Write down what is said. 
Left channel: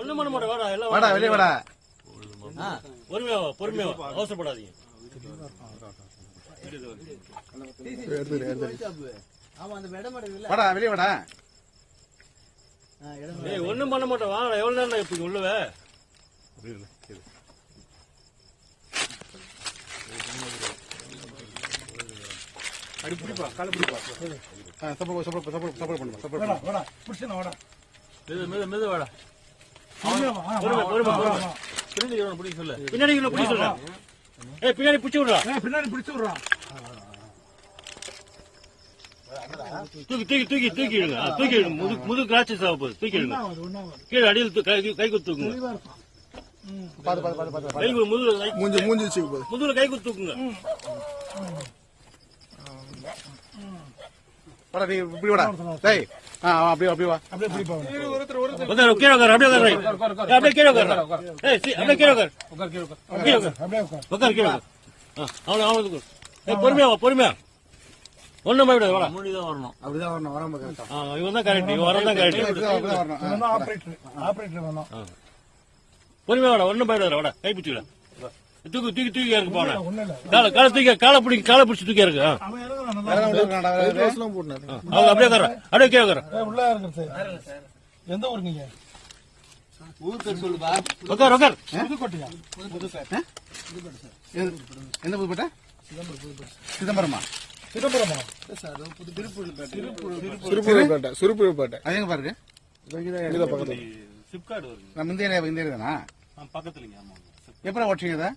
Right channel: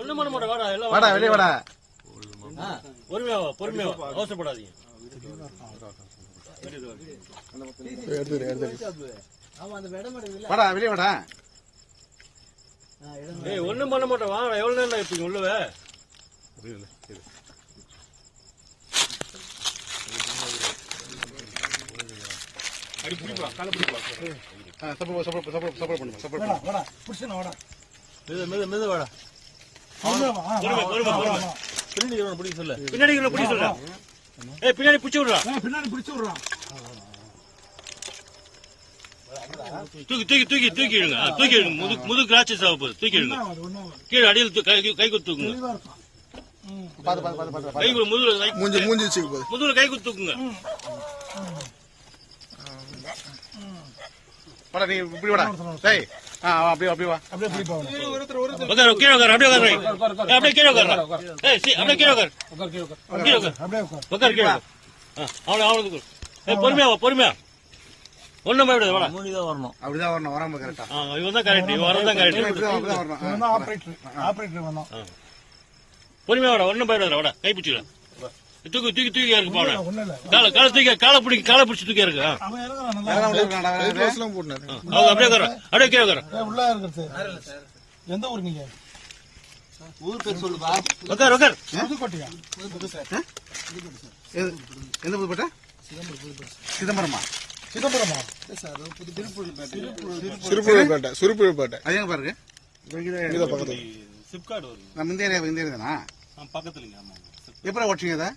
ஒண்ணும் பண்ண மாட்டேன். வாடா எல்லாம் வாடா வெளியே வாடா. பொறுமையா பொறுமையா அவசரப்படாதீங்க. வாடா வெளியே வாடா. ஒண்ணும் பண்ண மாட்டேன். வாடா எவ்வளவு நேரம் இப்ப உள்ளவே அடி பிடிப்பா கால பிடிப்பா. சப்போர்ட் பண்ணு. வாடா புடிச்சனா வாடா. மெது வாடா. பின்னாடி பிடிச்சு சொல்ல. பின்னாடி பிடிச்சு விடுறா. பின்னாடி பிடிச்சு விடுறா. தூக்கி இடுங்க. தூக்கி இடுங்க. முதுகு கிராச்சி சாவ போகுது. தூக்கி இடுங்க. கீழே அடியில் கை குத்துக்குங்க. கை முதுகுல கை குத்துக்குங்க. நீ இப்படி வாடா. டேய் அப்படியே வா. அப்படியே பிடிப்பா. உட்கார் கீழே உட்கார். அப்படியே உட்கார். அப்படியே கீழே உட்கார். அப்படியே கீழே உட்கார். கீழே உட்கார். உட்கார் கீழே. அவனுக்கு பொறுமையா ஒண்ணும் போயிடு. அப்படிதான் வரணும். வராம கரெக்டா. இவன் தான் கரெக்ட். இவன் வரதான் கரெக்ட். பொறுமையா வாடா. ஒண்ணும் போயிடாது. வாடா கை பிடிச்சிக்கலாம். தூக்கி இருக்கு பாவனா. காலை பிடிச்சி தூக்கி இருக்கு. அப்படியே கீழே உட்கார. எந்த ஊர் நீங்க? ஊர் பேர் சொல்லுப்பா. உட்கார். புதுக்கோட்டையா? எந்த புதுக்கோட்டை? சிதம்பரமா? சிறுபுழுப்பேட்டை. அது எங்க பாருங்க? பக்கத்துல சிப்கார்டு வருது. நம்ம இந்த ஏரியா தானா? பக்கத்துலங்க. ஆமா. எப்படி ஓட்டுறீங்க?